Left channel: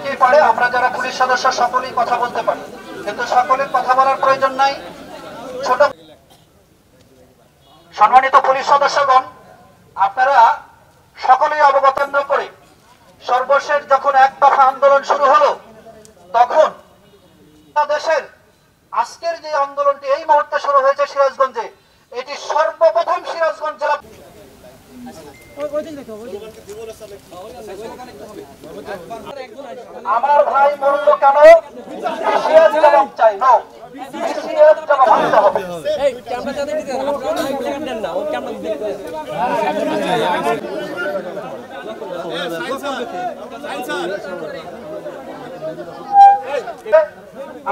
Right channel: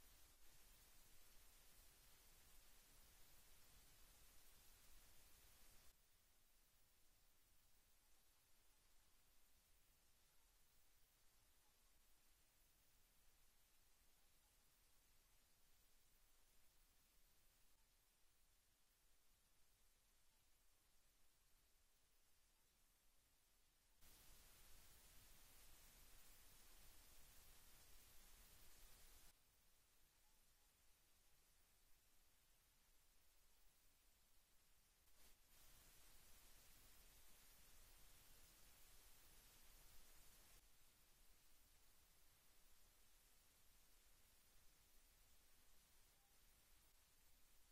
অনেকেই পারে, আমরা যারা পুলিশ সদস্য সকলেই কথা বলতে পারি, কিন্তু সকলের কথা বলার প্রয়োজন নাই। ছোট সম্মানিত পুলিশ সদস্যগণ, আপনারা সকলেই অবগত করে সর্বশেষ যখন এক দফা আন্দোলন শুরু হলো, তখন দেশের আজকের যে আন্দোলনটি এই মুহূর্তে শুরু হয়েছে সিরাজগঞ্জে, এটি সর্বপ্রথম সিরাজগঞ্জ জেলা। আমার ভাই মরল কেন, জবাব চাই না, জবাব আনতে হবে।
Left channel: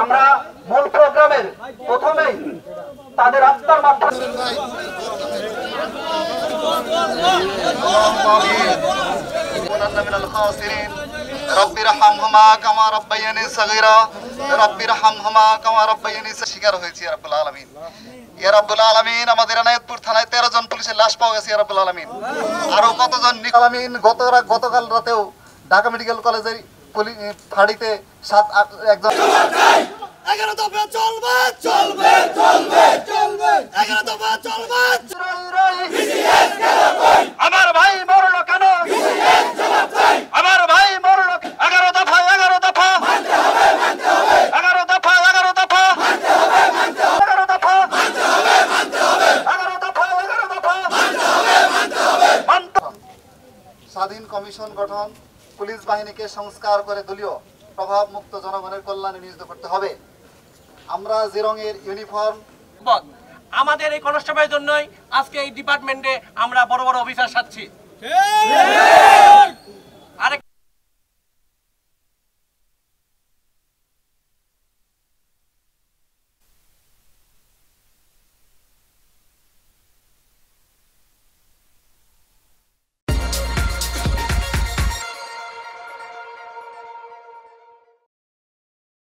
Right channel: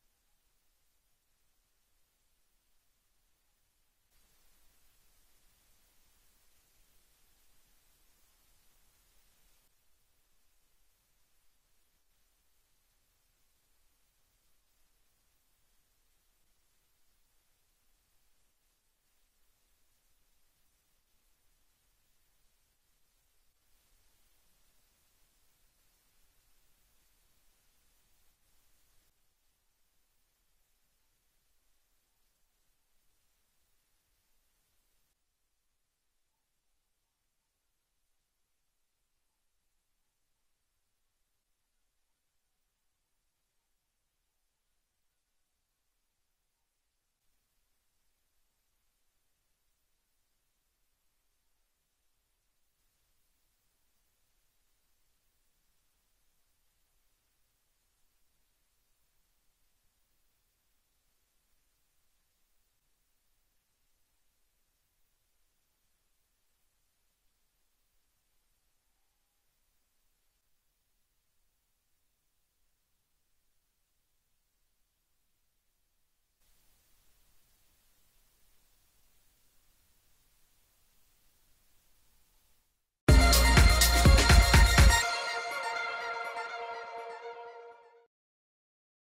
আমরা মূল প্রোগ্রামের প্রথমেই তাদের আত্মার মাধ্যমে শিকার হয়েছি রব্বুল আলামিন। ইয়া রব্বুল আলামিন, আমাদের এনায়েতপুর থানায় 13 জন পুলিশের লাশ পাওয়া গেছে ইয়া রব্বুল আলামিন। আরো কতজন আলামিন, গতকাল রাতেও ঢাকা মেডিকেল কলেজের ফাঁড়িতে 7-8 একজন। 11 দফা চলবে চলবে চলবে চলবে, 11 দফা চলবে। আমার ভাই মরলো কেন, আমার ভাই মরলো। 11 দফা 11 দফা 11 দফা 11 দফা 11 দফা 11 দফা 11 দফা। স্বাধীন কমিশন গঠন, পুলিশ বাহিনীকে সংস্কার করে দলীয় প্রভাব মুক্ত জনগণের কল্যাণে নিয়োজিত করতে হবে। আমরা যে রঙের ইউনিফর্ম, আমাদের এই কনস্টেবলের জন্যই আজকে এই ডিপার্টমেন্টে আমরা বড় বড় অফিসার সাচ্ছি।